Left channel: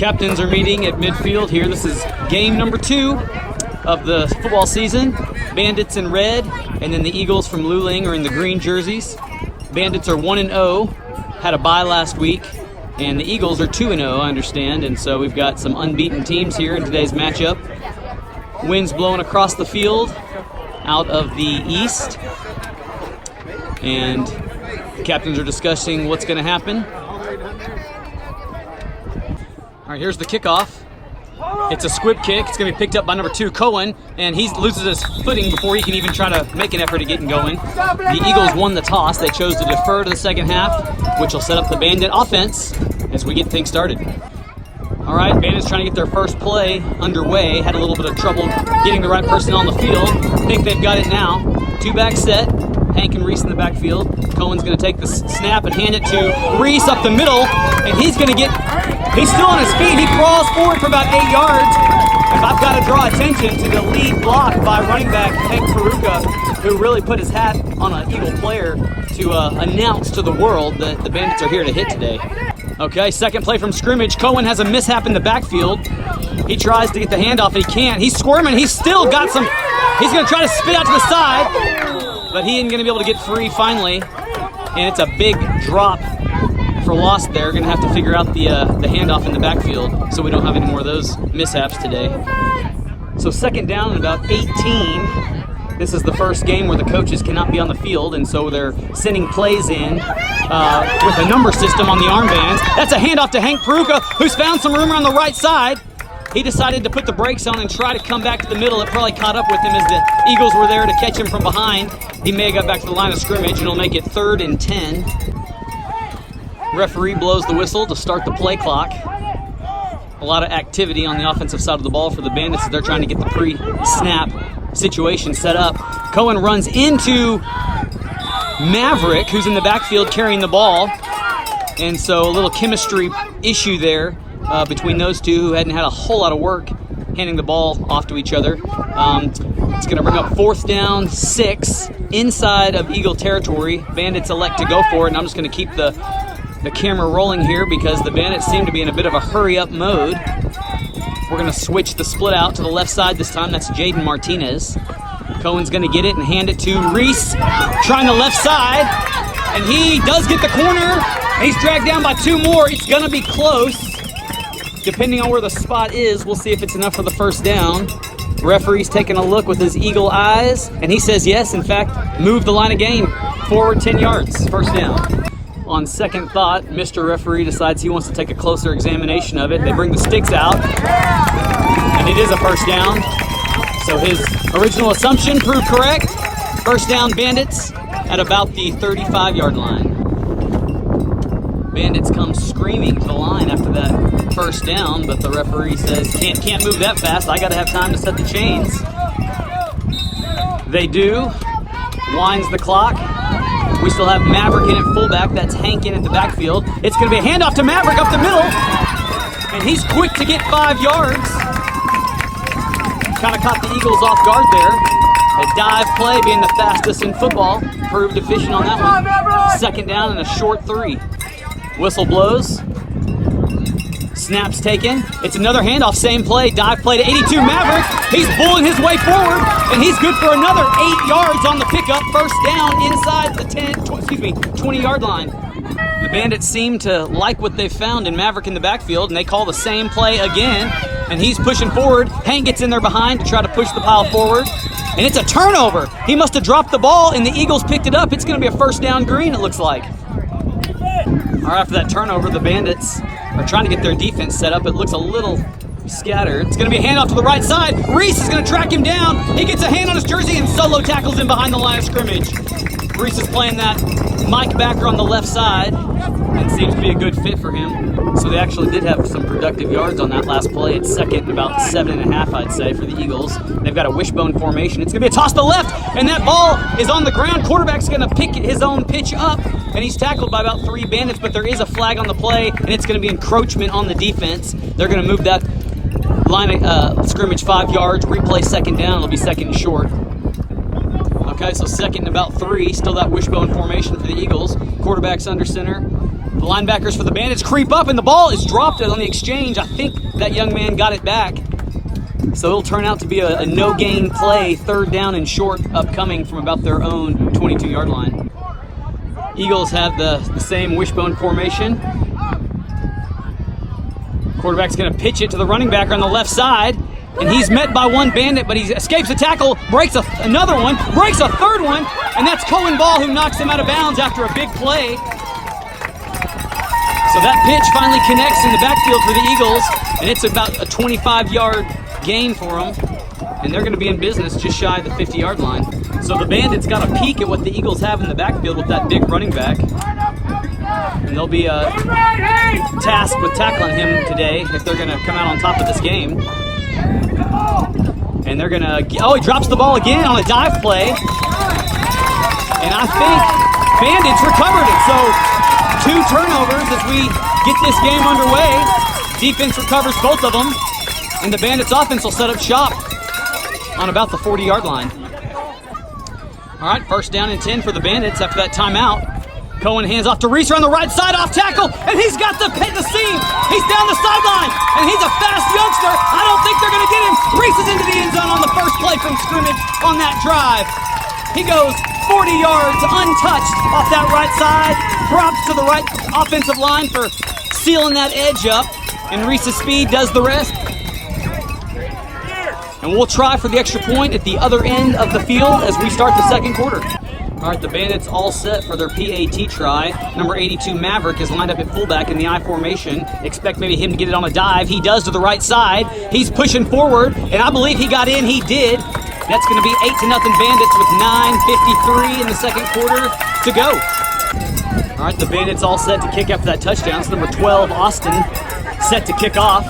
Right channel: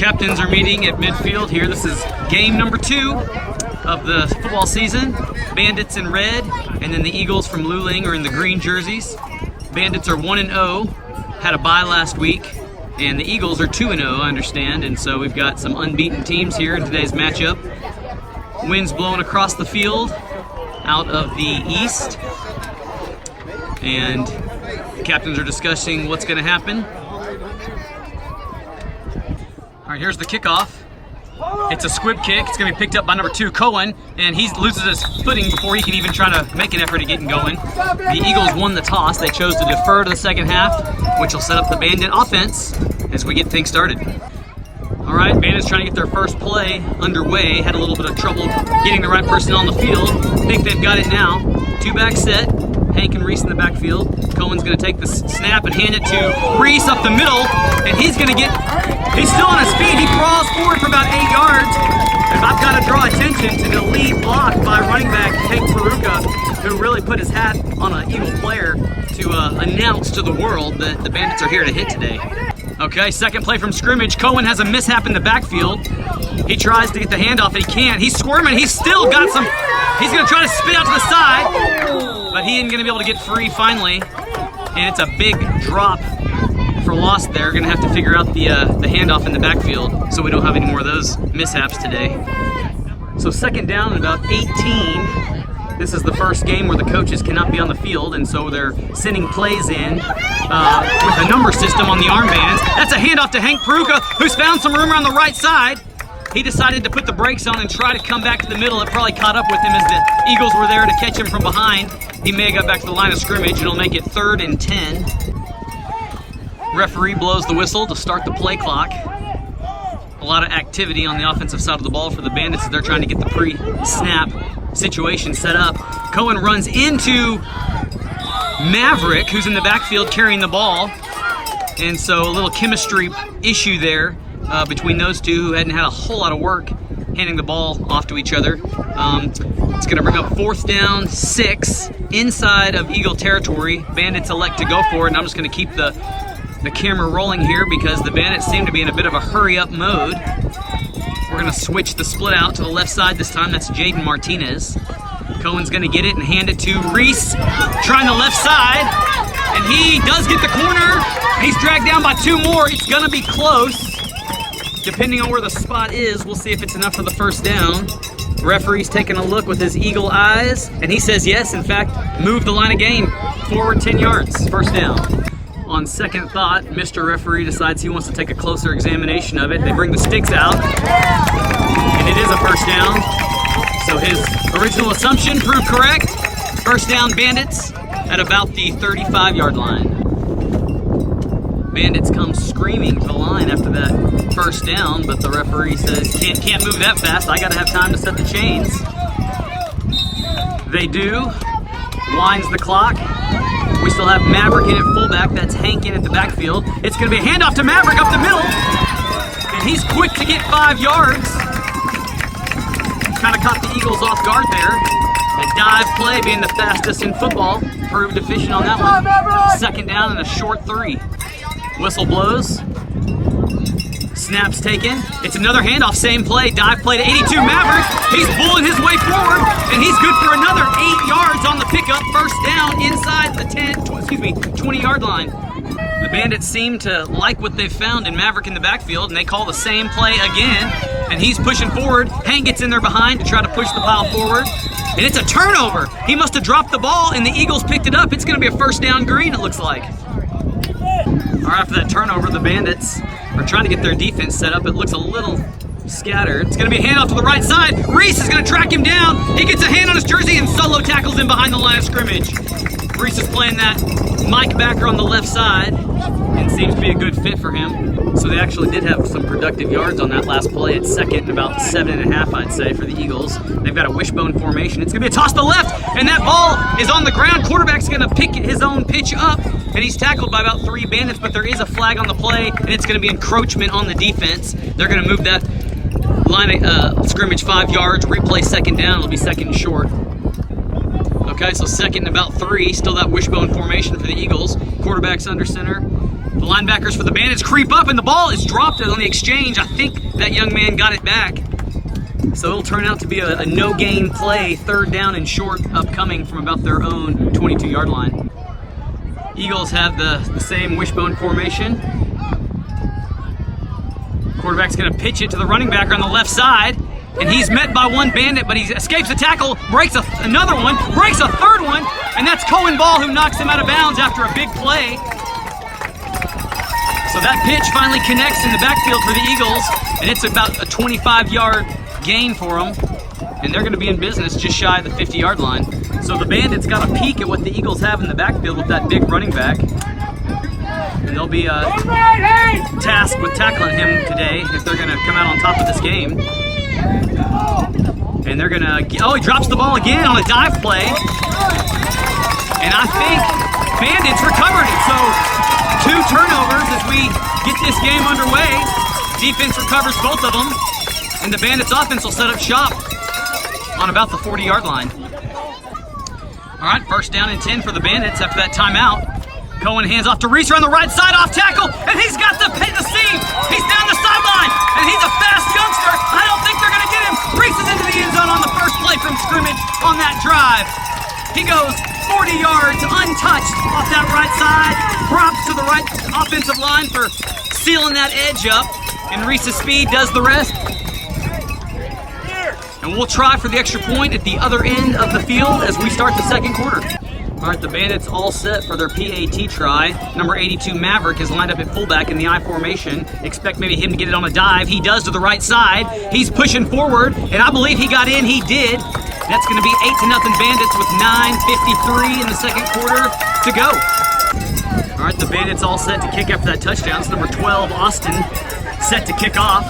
Captains are meeting at midfield here. This is game number 2 of the football season. Bandits in red, and then the Eagles from Luling are in the green jerseys. Bandits are 1-0, had a bye last week, and the Eagles are 2-0, I understand, and so we've got some unbeaten teams here in today's matchup. Winds blowing across the field out of the east, and the captains are discussing what's going to happen. All right, here's the kickoff. It's a squib kick. It's going to be picked up by number 2, Cohen, and he loses his footing before he can even try to make an effort to get going. The Eagles won the toss. They chose to defer to the second half, which will set up the Bandit offense as we get things started. All right, Bandits trying to get their first play underway. Had a little bit of trouble getting the right personnel on the field. Think they've got it now. 2-back set. Hank and Reese in the backfield. Cohen's going to take the snap and hand it to Reese up the middle, and he's going to get, he's still on his feet. He crawls forward for about 8 yards, and I've got to draw attention to the lead block by running back Hank Peruka, who really put his hat on an Eagle player to announce to the world that the Bandits are here to hit today. Okay, second play from scrimmage. Cohen has a mishap in the backfield. He tries to get the handoff, and he can't. He's squirming. He's still got some, he's going to try to spit out to the side, but he ain't going to be able to get free finally. And it's a big drop for loss there. Going to have to figure out the handoff in the backfield so we don't have any more of those mishaps today. So second down and about 18. This is the first game where the coaches cannot be on the field, and so they're sending plays in with a number system on the armbands. That's a handoff to Hank Peruka, who's found some room around the right side. He decided to put the brakes on and try to come back to the middle. It probably caught up with him as the Eagles were there to catch him from behind. He may have got back to the line of scrimmage, and it'll make it 3rd and 10. Referee blows the whistle to start the play clock. A lot of activity on the offensive side of the ball for the Bandits as they're trying to get the pre-snap situation set up. Cohen runs into Maverick, who's in the backfield carrying the ball. And so a little chemistry issue there between those two who hadn't had a whole lot of work handing the ball off to each other. It's going to bring up 4th down, 6 inside of Eagle territory. Bandits elect to go for it, and I'm just going to keep the camera rolling here because the Bandits seem to be in a bit of a hurry-up mode. We're going to switch the split out to the left side this time. That's Jaden Martinez. Cohen's going to get it and hand it to Reese, trying the left side, and he does get the corner. He's dragged down by 2 more. He's going to be close. Depending on where the spot is, we'll see if it's enough for the first down. Referee's taking a look with his eagle eyes, and he says yes. In fact, move the line of game forward 10 yards, first down. On second thought, Mr. Referee decides he wants to take a closer examination of it. They bring the sticks out, and it is a first down. So his original assumption proved correct. First down, Bandits at about the 35-yard line. Bandits come screaming to the line after that first down, but the referee says, can't move that fast. I got to have time to set the chains. They do. Winds the clock. We still have Maverick in at fullback. That's Hank in at the backfield. It's going to be a handoff to Maverick up the middle. And he's quick to get 5 yards. Kind of caught the Eagles off guard there. A dive play, being the fastest in football, proved efficient on that one. Second down and a short 3. Whistle blows. Snaps taken. It's another handoff, same play, dive play to 82 Maverick. He's pulling his way forward, and he's good for another 8 yards on the pickup. First down inside the 20-yard line. The Bandits seem to like what they've found in Maverick in the backfield, and they call the same play again, and he's pushing forward. Hank gets in there behind to try to push the pile forward, and it's a turnover. He must have dropped the ball, and the Eagles picked it up. It's going to be a first down green, it looks like. All right, after that turnover, the Bandits are trying to get their defense set up. It looks a little scattered. It's going to be a handoff to the right side. Reese is going to track him down. He gets a hand on his jersey and solo tackles him behind the line of scrimmage. Reese is playing that Mike backer on the left side and seems to be a good fit for him. So they actually did have some productive yards on that last play. It's second, about 7.5, I'd say, for the Eagles. They've got a wishbone formation. It's going to be a toss to left, and that ball is on the ground. Quarterback's going to pick his own pitch up, and he's tackled by about 3 Bandits, but there is a flag on the play, and it's going to be encroachment on the defense. They're going to move that line of scrimmage 5 yards, replay second down. It'll be second and short. Okay, so second and about 3. Still that wishbone formation for the Eagles. Quarterback's under center. The linebackers for the Bandits creep up, and the ball is dropped on the exchange. I think that young man got it back. So it'll turn out to be a no-gain play, 3rd down and short, upcoming from about their own 22-yard line. Eagles have the same wishbone formation. Quarterback's going to pitch it to the running back on the left side, and he's met by one Bandit, but he escapes the tackle, breaks another one, breaks a 3rd one, and that's Cohen Ball who knocks him out of bounds after a big play. So that pitch finally connects in the backfield for the Eagles, and it's about a 25-yard gain for them, and they're going to be in business just shy of the 50-yard line. So the Bandits got a peek at what the Eagles have in the backfield with that big running back, and they'll be tasked with tackling him today if they're going to come out on top of this game. And they're going to, oh, he drops the ball again on a dive play, and I think Bandits recovered it. So 2 turnovers as we get this game underway. Defense recovers both of them, and the Bandits offense will set up shop on about the 40-yard line. All right, 1st down and 10 for the Bandits after that timeout. Cohen hands off to Reese on the right side, off tackle, and he's got the seam. He's down the sideline, and he's a fast youngster. I don't think they're going to get him. Reese is into the end zone on the first play from scrimmage on that drive. He goes 40 yards untouched off that right side. Props to the right offensive line for sealing that edge up, and Reese's speed does the rest. And we'll try for the extra point at the other end of the field as we start the 2nd quarter. All right, the Bandits all set for their PAT try. Number 82, Maverick, is lined up at fullback in the I formation. Expect maybe him to get it on a dive. He does to the right side. He's pushing forward, and I believe he got in. He did. That's going to be 8-0 Bandits with 9:53 in the 2nd quarter to go. All right, the Bandits all set to kick after that touchdown. It's number 12, Austin, set to kick off.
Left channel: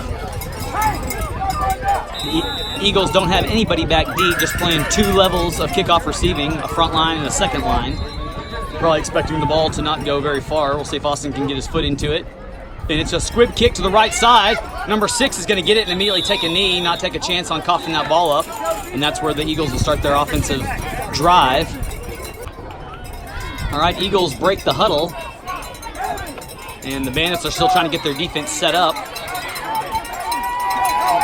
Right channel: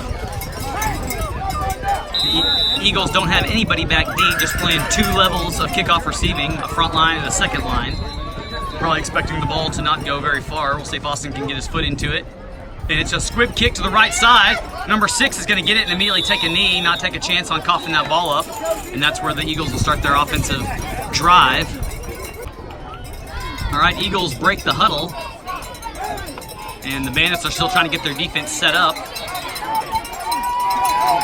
The Eagles don't have anybody back deep, just playing 2 levels of kickoff receiving, a front line and a second line. Probably expecting the ball to not go very far. We'll see if Austin can get his foot into it. And it's a squib kick to the right side. Number 6 is going to get it and immediately take a knee, not take a chance on coughing that ball up. And that's where the Eagles will start their offensive drive. All right, Eagles break the huddle. And the Bandits are still trying to get their defense set up.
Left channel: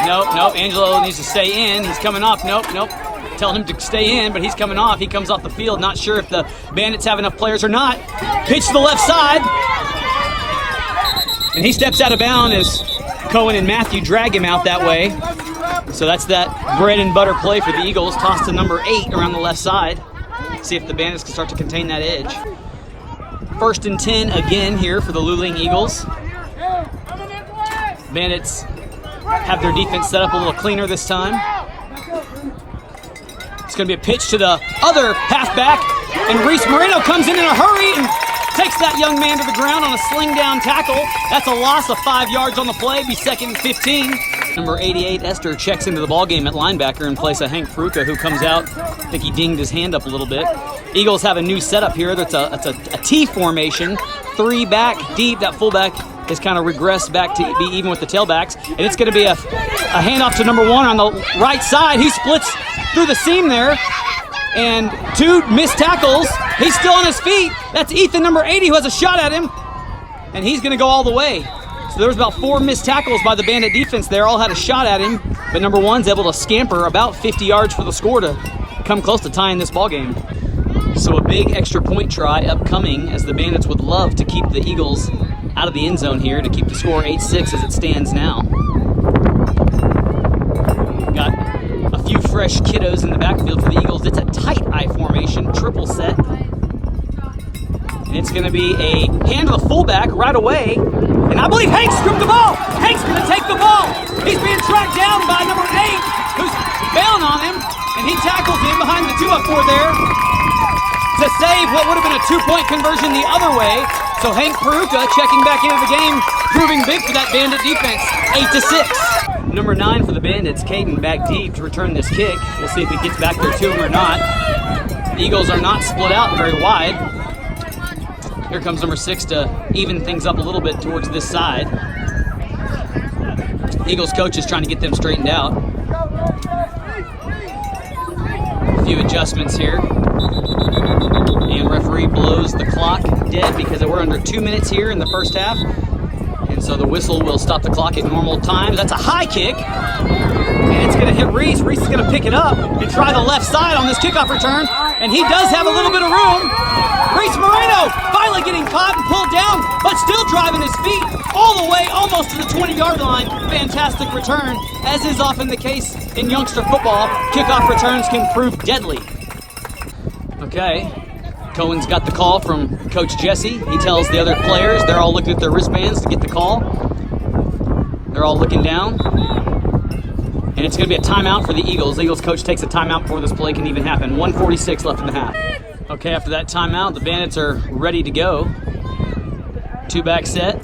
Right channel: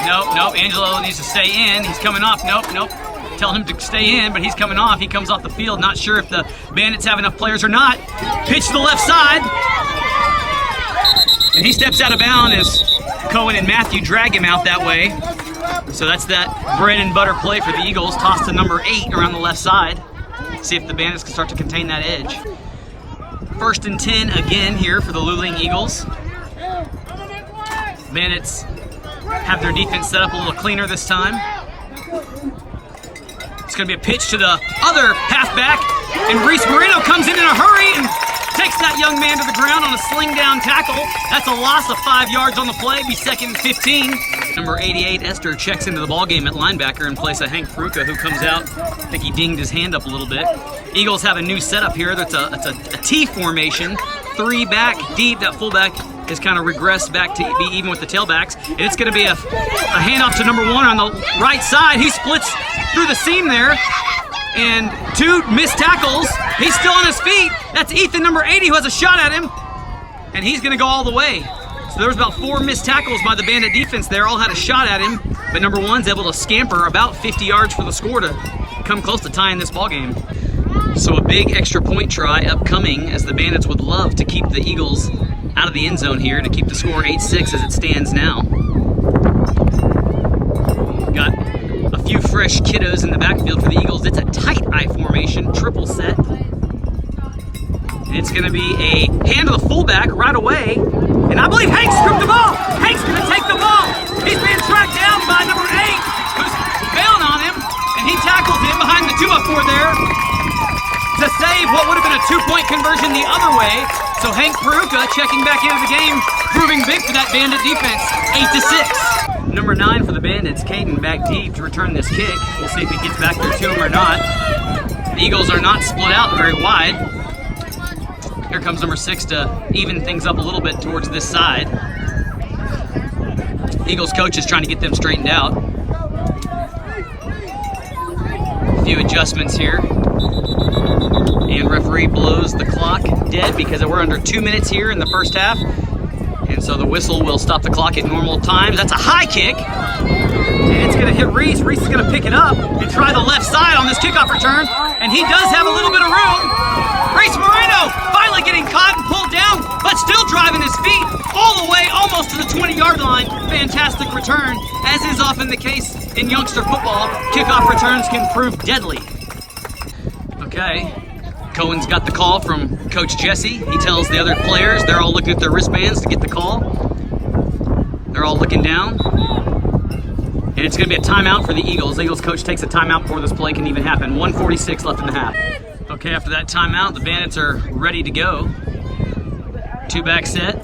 Nope, Angelo needs to stay in. He's coming off. Nope. Telling him to stay in, but he's coming off. He comes off the field, not sure if the Bandits have enough players or not. Pitch to the left side. And he steps out of bounds as Cohen and Matthew drag him out that way. So that's that bread and butter play for the Eagles. Toss to number 8 around the left side. See if the Bandits can start to contain that edge. 1st and 10 again here for the Luling Eagles. Bandits have their defense set up a little cleaner this time. It's going to be a pitch to the other halfback, and Reese Moreno comes in a hurry and takes that young man to the ground on a sling down tackle. That's a loss of 5 yards on the play, be 2nd and 15. Number 88, Esther, checks into the ballgame at linebacker in place of Hank Fruca, who comes out. I think he dinged his hand up a little bit. Eagles have a new setup here. That's a T formation, 3 back deep. That fullback has kind of regressed back to be even with the tailbacks. And it's going to be a handoff to number 1 on the right side. He splits through the seam there. And 2 missed tackles. He's still on his feet. That's Ethan, number 80, who has a shot at him. And he's going to go all the way. So there was about 4 missed tackles by the Bandit defense there. All had a shot at him. But number 1's able to scamper about 50 yards for the score to come close to tying this ball game. So a big extra point try upcoming, as the Bandits would love to keep the Eagles out of the end zone here to keep the score 8-6 as it stands now. Got a few fresh kiddos in the backfield for the Eagles. It's a tight I formation, triple set. And it's going to be a hand to the fullback right away. And I believe Hank scooped the ball. Hank's going to take the ball. He's being tracked down by number 8, who's bailing on him. And he tackles him behind the 2-up-4 there to save what would have been a 2-point conversion the other way. So Hank Peruka checking back into the game, proving big for that Bandit defense, 8-6. Number 9 for the Bandits, Caden, back deep to return this kick. We'll see if he gets back there to him or not. The Eagles are not split out very wide. Here comes number 6 to even things up a little bit towards this side. Eagles coach is trying to get them straightened out. A few adjustments here. And referee blows the clock dead because we're under 2 minutes here in the first half. And so the whistle will stop the clock at normal times. That's a high kick. And it's going to hit Reese. Reese is going to pick it up and try the left side on this kickoff return. And he does have a little bit of room. Reese Moreno finally getting caught and pulled down, but still driving his feet all the way almost to the 20-yard line. Fantastic return. As is often the case in youngster football, kickoff returns can prove deadly. Okay. Cohen's got the call from Coach Jesse. He tells the other players, they're all looking at their wristbands to get the call. They're all looking down. And it's going to be a timeout for the Eagles. The Eagles coach takes a timeout before this play can even happen. 1:46 left in the half. Okay, after that timeout, the Bandits are ready to go. Two-back set.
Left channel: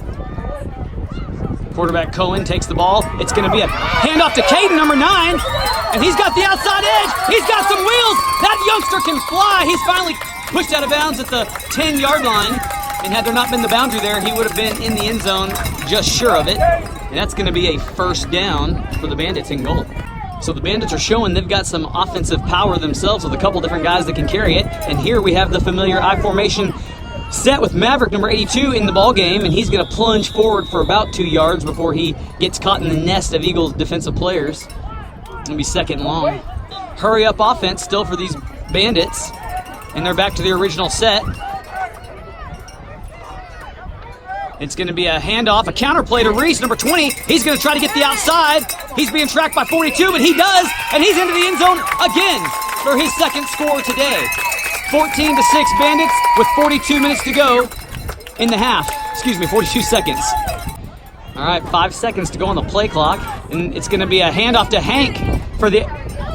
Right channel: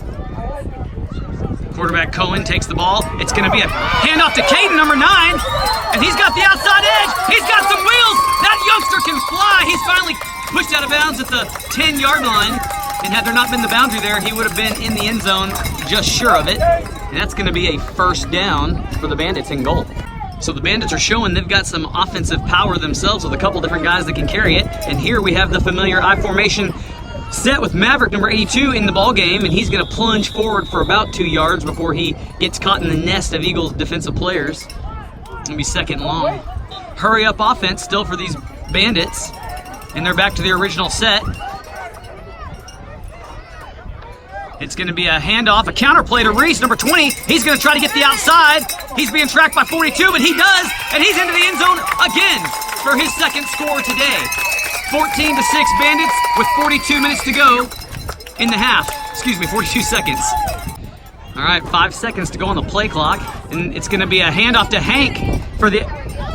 Quarterback Cohen takes the ball. It's going to be a handoff to Caden, number 9. And he's got the outside edge. He's got some wheels. That youngster can fly. He's finally pushed out of bounds at the 10-yard line. And had there not been the boundary there, he would have been in the end zone, just sure of it. And that's going to be a first down for the Bandits in goal. So the Bandits are showing they've got some offensive power themselves with a couple different guys that can carry it. And here we have the familiar I formation set with Maverick number 82 in the ball game, and he's going to plunge forward for about 2 yards before he gets caught in the nest of Eagles defensive players. It'll be second and long. Hurry up offense still for these Bandits, and they're back to the original set. It's going to be a handoff, a counter play to Reese, number 20. He's going to try to get the outside. He's being tracked by 42, but he does, and he's into the end zone again for his second score today. 14-6 Bandits with 42 minutes to go in the half. 42 seconds. All right, 5 seconds to go on the play clock, and it's going to be a handoff to Hank for the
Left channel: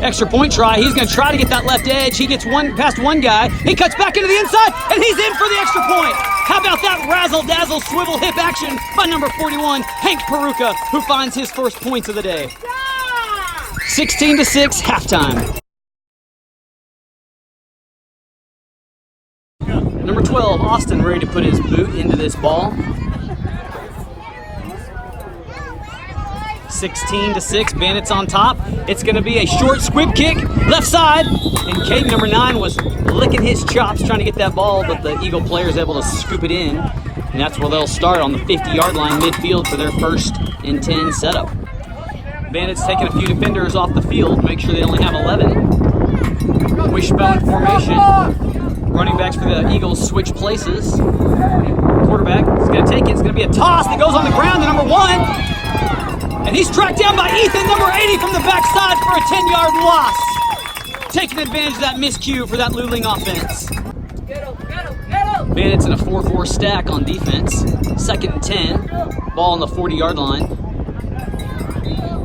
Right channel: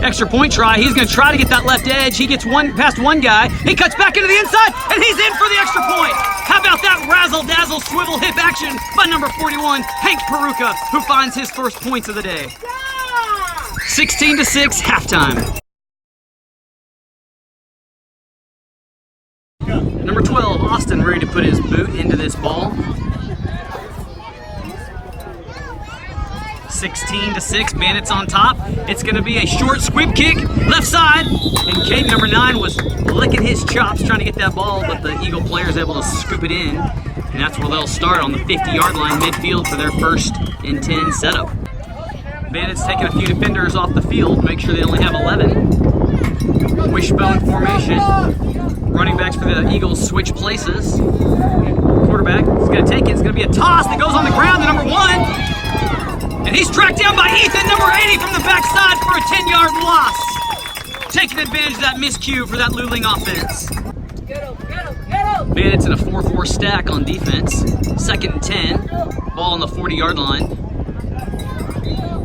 extra point try. He's going to try to get that left edge. He gets past one guy. He cuts back into the inside, and he's in for the extra point. How about that razzle-dazzle swivel hip action by number 41, Hank Peruka, who finds his first points of the day. 16-6 halftime. Number 12, Austin, ready to put his boot into this ball. 16-6, Bandits on top. It's going to be a short squib kick, left side, and Kate, number 9, was licking his chops trying to get that ball, but the Eagle player is able to scoop it in, and that's where they'll start on the 50-yard line midfield for their 1st and 10 setup. Bandits taking a few defenders off the field, make sure they only have 11. Wishbone formation. Running backs for the Eagles switch places. Quarterback is going to take it. It's going to be a toss that goes on the ground to number 1. And he's tracked down by Ethan, number 80, from the backside for a 10-yard loss. Taking advantage of that miscue for that Luling offense. Bandits in a 4-4 stack on defense. 2nd and 10. Ball on the 40-yard line.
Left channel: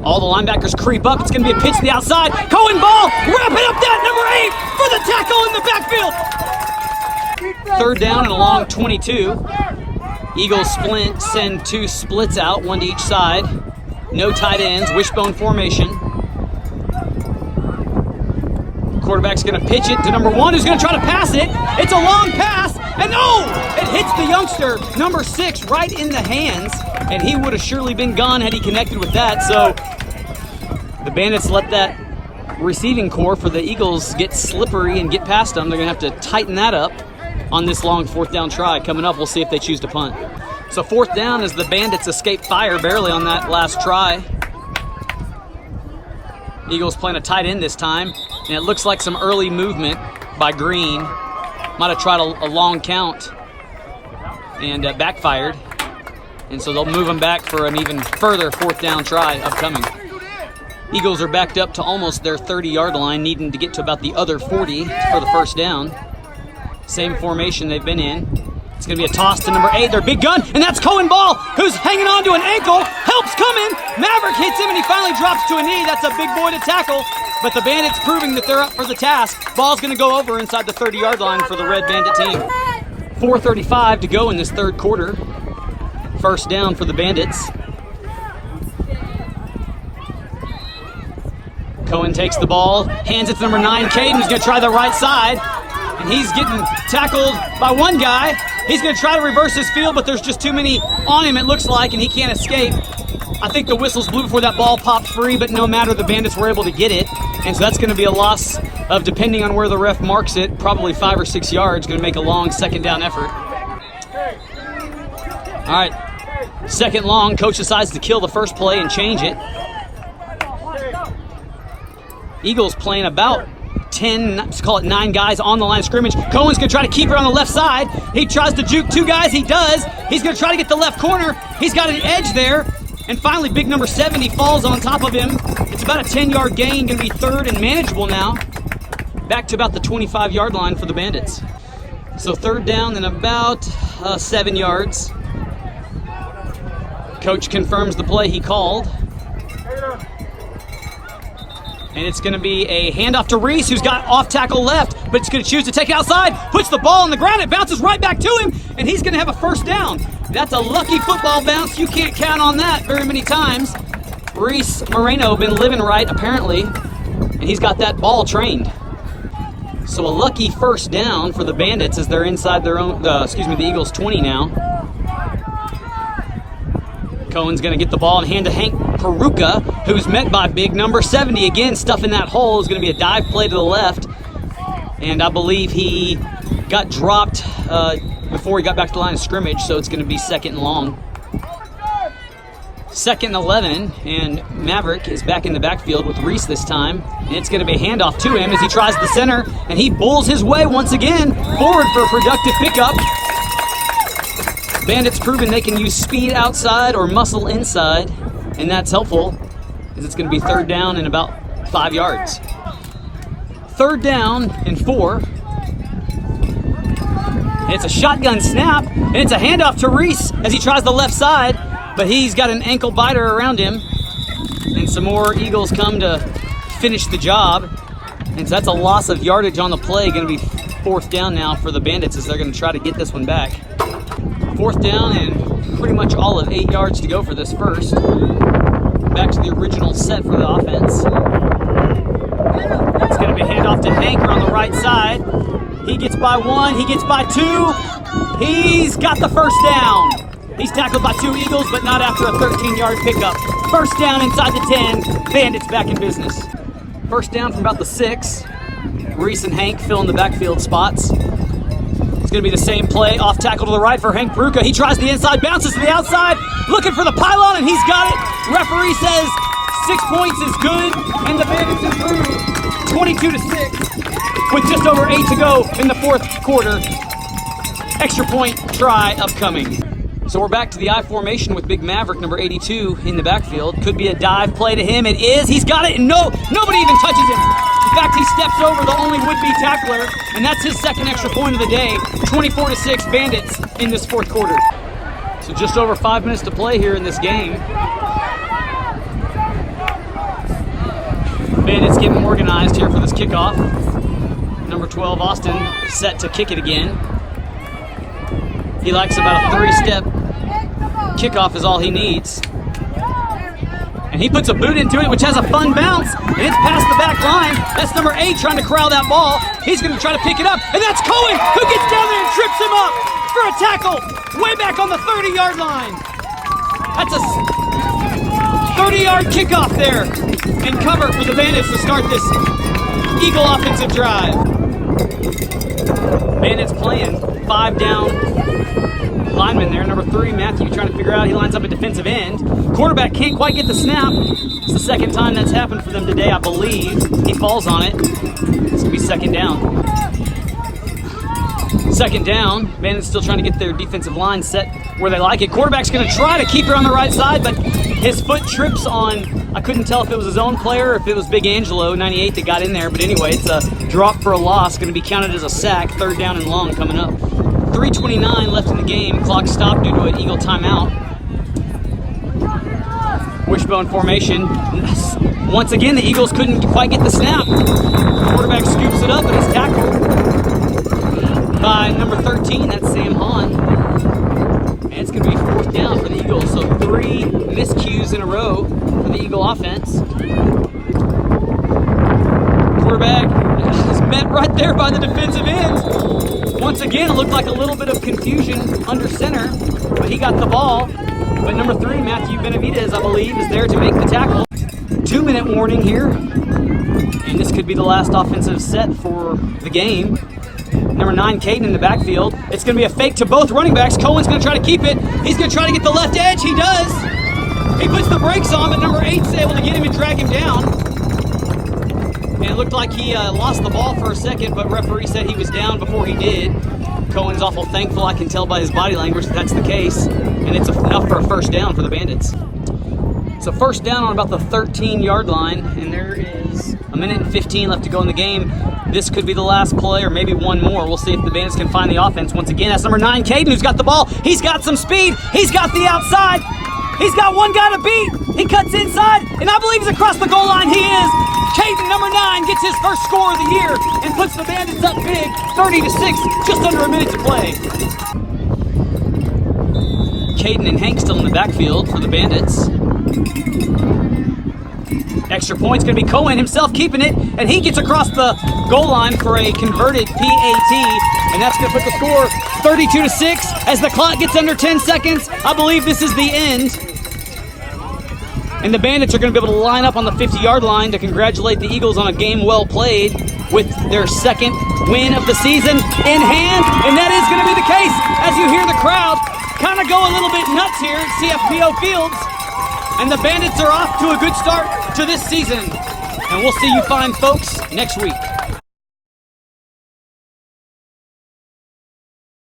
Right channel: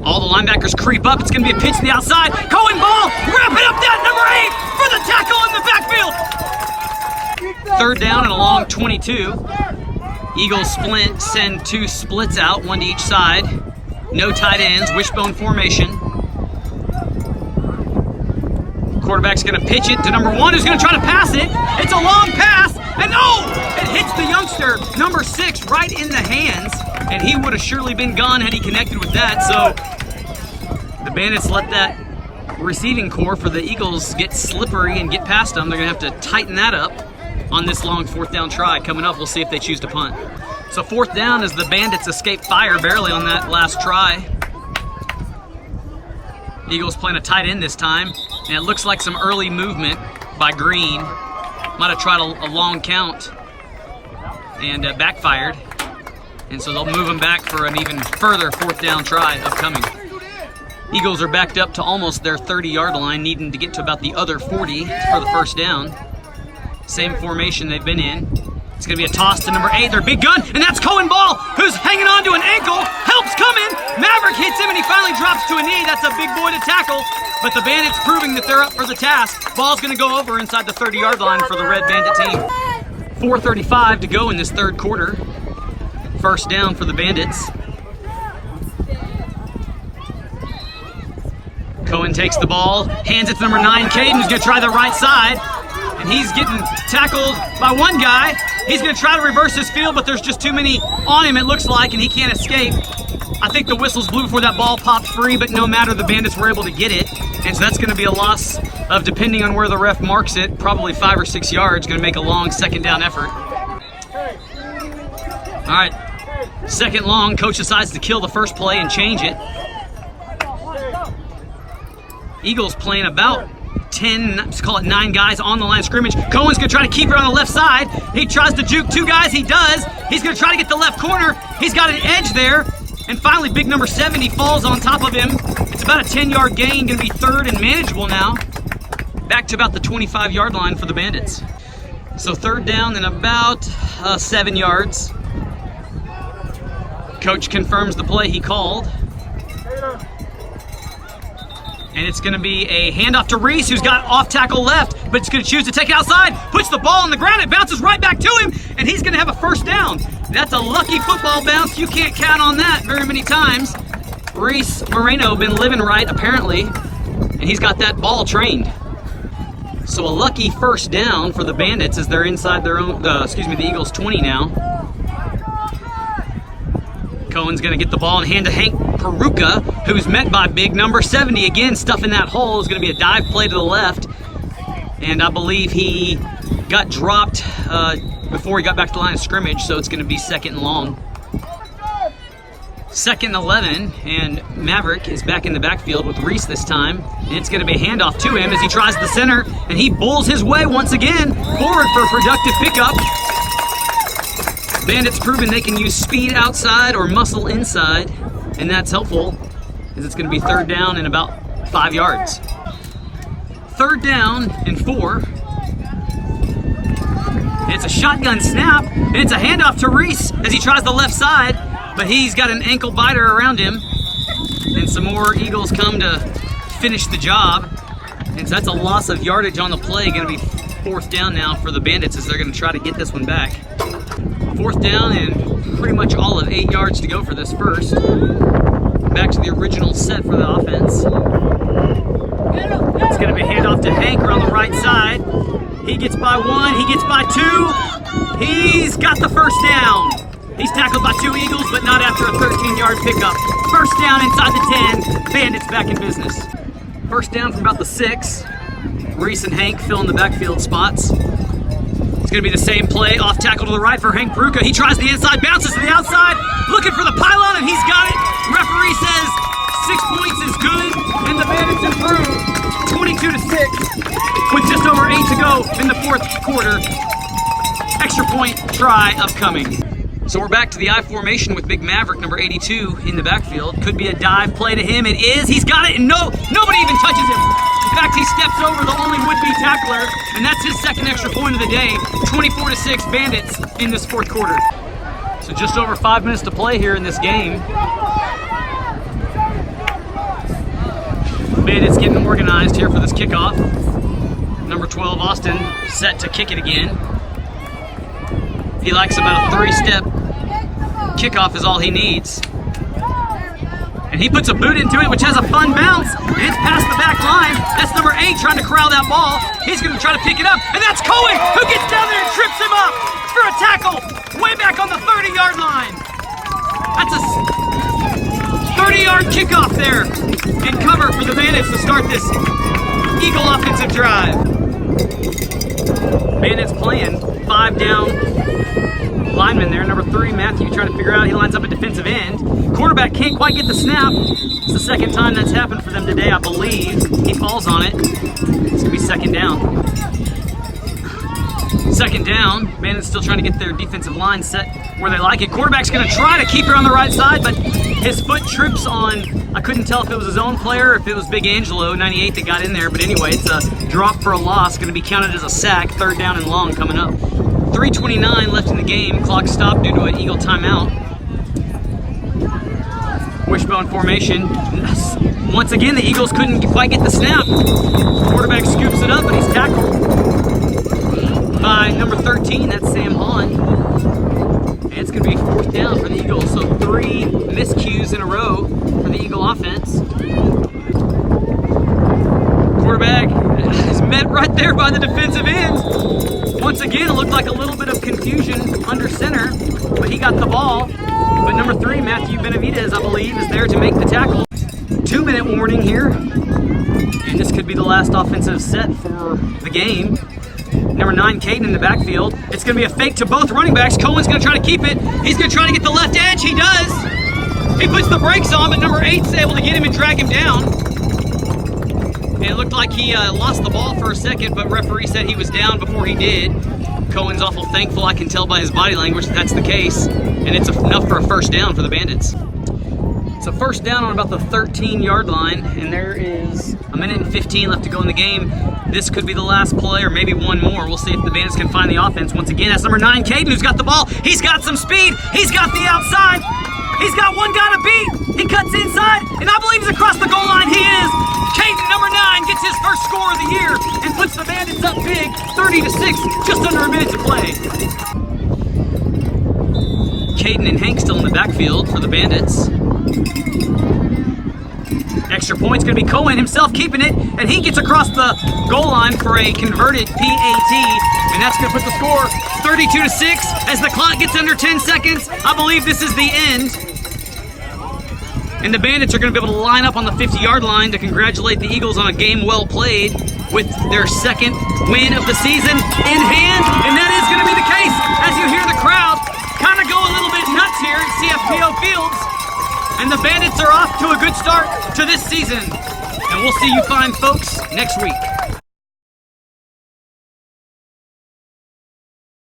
All the linebackers creep up. It's going to be a pitch to the outside. Cohen ball. Wrapping up that number 8 for the tackle in the backfield. 3rd down and a long 22. Eagles send 2 splits out, 1 to each side. No tight ends, wishbone formation. Quarterback's going to pitch it to number 1, who's going to try to pass it. It's a long pass, and it hits the youngster, number 6, right in the hands. And he would have surely been gone had he connected with that. So the Bandits let that receiving core for the Eagles get slippery and get past them. They're going to have to tighten that up on this long 4th down try. Coming up, we'll see if they choose to punt. So 4th down as the Bandits escape fire barely on that last try. Eagles playing a tight end this time, and it looks like some early movement by Green. Might have tried a long count and backfired. And so they'll move them back for an even further 4th down try upcoming. Eagles are backed up to almost their 30-yard line, needing to get to about the other 40 for the 1st down. Same formation they've been in. It's going to be a toss to number 8, their big gun, and that's Cohen Ball, who's hanging on to an ankle. Help's coming. Maverick hits him, and he finally drops to a knee. That's a big boy to tackle, but the Bandits proving that they're up for the task. Ball's going to go over inside the 30-yard line for the Red Bandit team. 4:35 to go in this 3rd quarter. 1st down for the Bandits. Cohen takes the ball, hands it to number 9, Caden, who's going to try the right side. And he's getting tackled by one guy. He's going to try to reverse his field, but there's just too many on him, it looks like, and he can't escape. I think the whistle's blew before that ball popped free, but no matter, the Bandits were able to get it. And so that's going to be a loss of, depending on where the ref marks it, probably 5 or 6 yards. Going to make a long second down effort. All right, second long. Coach decides to kill the first play and change it. Eagles playing about 10, let's call it 9 guys on the line of scrimmage. Cohen's going to try to keep it on the left side. He tries to juke 2 guys. He does. He's going to try to get the left corner. He's got an edge there. And finally, big number 70 falls on top of him. It's about a 10-yard gain, going to be third and manageable now. Back to about the 25-yard line for the Bandits. So third down and about 7 yards. Coach confirms the play he called. And it's going to be a handoff to Reese, who's got off tackle left, but it's going to choose to take it outside, puts the ball on the ground, it bounces right back to him, and he's going to have a first down. That's a lucky football bounce. You can't count on that very many times. Reese Moreno been living right, apparently, and he's got that ball trained. So a lucky first down for the Bandits as they're inside their own, the Eagles 20 now. Cohen's going to get the ball and hand to Hank Peruka, who's met by big number 70. Again, stuffing that hole is going to be a dive play to the left. And I believe he got dropped before he got back to the line of scrimmage, so it's going to be second and long. Second and 11, and Maverick is back in the backfield with Reese this time. And it's going to be a handoff to him as he tries the center, and he bulls his way once again forward for a productive pickup. Bandits proven they can use speed outside or muscle inside, and that's helpful as it's going to be third down and about 5 yards. Third down and 4. And it's a shotgun snap, and it's a handoff to Reese as he tries the left side, but he's got an ankle biter around him, and some more Eagles come to finish the job. And so that's a loss of yardage on the play, going to be fourth down now for the Bandits as they're going to try to get this one back. Fourth down and pretty much all of 8 yards to go for this first. Back to the original set for the offense. It's going to be a handoff to Hanker on the right side. He gets by 1, he gets by 2. He's got the first down. He's tackled by 2 Eagles, but not after a 13-yard pickup. First down inside the 10. Bandits back in business. First down from about the 6. Reese and Hank fill in the backfield spots. It's going to be the same play, off tackle to the right for Hank Peruka. He tries the inside, bounces to the outside, looking for the pylon, and he's got it. Referee says 6 points is good, and the Bandits improve 22-6 with just over 8 to go in the fourth quarter. Extra point try upcoming. So we're back to the I formation with Big Maverick, number 82, in the backfield. Could be a dive play to him. It is. He's got it, and nobody even touches him. In fact, he steps over the only would-be tackler, and that's his second extra point of the day. 24-6 Bandits in this fourth quarter. So just over 5 minutes to play here in this game. Bandits getting organized here for this kickoff. Number 12, Austin, set to kick it again. He likes about a 3-step kickoff is all he needs. And he puts a boot into it, which has a fun bounce. And it's past the back line. That's number 8 trying to corral that ball. He's going to try to pick it up. And that's Cohen who gets down there and trips him up for a tackle way back on the 30-yard line. That's a 30-yard kickoff there. And cover for the Bandits to start this Eagle offensive drive. Bandits playing 5 down lineman there. Number 3, Matthew, trying to figure out. He lines up a defensive end. Quarterback can't quite get the snap. It's the second time that's happened for them today, I believe. He falls on it. It's going to be second down. Second down. Bandits still trying to get their defensive line set where they like it. Quarterback's going to try to keep her on the right side, but his foot trips on, I couldn't tell if it was his own player or if it was Big Angelo, 98, that got in there. But anyway, it's a drop for a loss. Going to be counted as a sack. Third down and long coming up. 3:29 left in the game. Clock stopped due to an Eagle timeout. Wishbone formation. Once again, the Eagles couldn't quite get the snap. Quarterback scoops it up, but he's tackled by number 13. That's Sam Hahn. And it's going to be fourth down for the Eagles. So 3 miscues in a row for the Eagle offense. Quarterback is met right there by the defensive end. Once again, it looked like a little bit of confusion under center, but he got the ball. But number 3, Matthew Benavidez, I believe, is there to make the tackle. 2-minute warning here. And this could be the last offensive set for the game. Number 9, Caden in the backfield. It's going to be a fake to both running backs. Cohen's going to try to keep it. He's going to try to get the left edge. He does. He puts the brakes on, but number 8's able to get him and drag him down. And it looked like he lost the ball for a second, but referee said he was down before he did. Cohen's awful thankful. I can tell by his body language that that's the case. And it's enough for a first down for the Bandits. It's a first down on about the 13-yard line, and there is a minute and 15 left to go in the game. This could be the last play or maybe one more. We'll see if the Bandits can find the offense. Once again, that's number 9, Caden, who's got the ball. He's got some speed. He's got the outside. He's got one guy to beat. He cuts inside, and I believe he's across the goal line. He is. Caden, number 9, gets his first score of the year and puts the Bandits up big, 30-6, just under a minute to play. Caden and Hank still in the backfield for the Bandits. Extra point's going to be Cohen himself keeping it, and he gets across the goal line for a converted PAT, and that's going to put the score 32-6 as the clock gets under 10 seconds. I believe this is the end. And the Bandits are going to be able to line up on the 50-yard line to congratulate the Eagles on a game well played with their second win of the season in hand. And that is going to be the case as you hear the crowd kind of go a little bit nuts here at CFPO Fields. And the Bandits are off to a good start to this season. And we'll see you fine folks next week.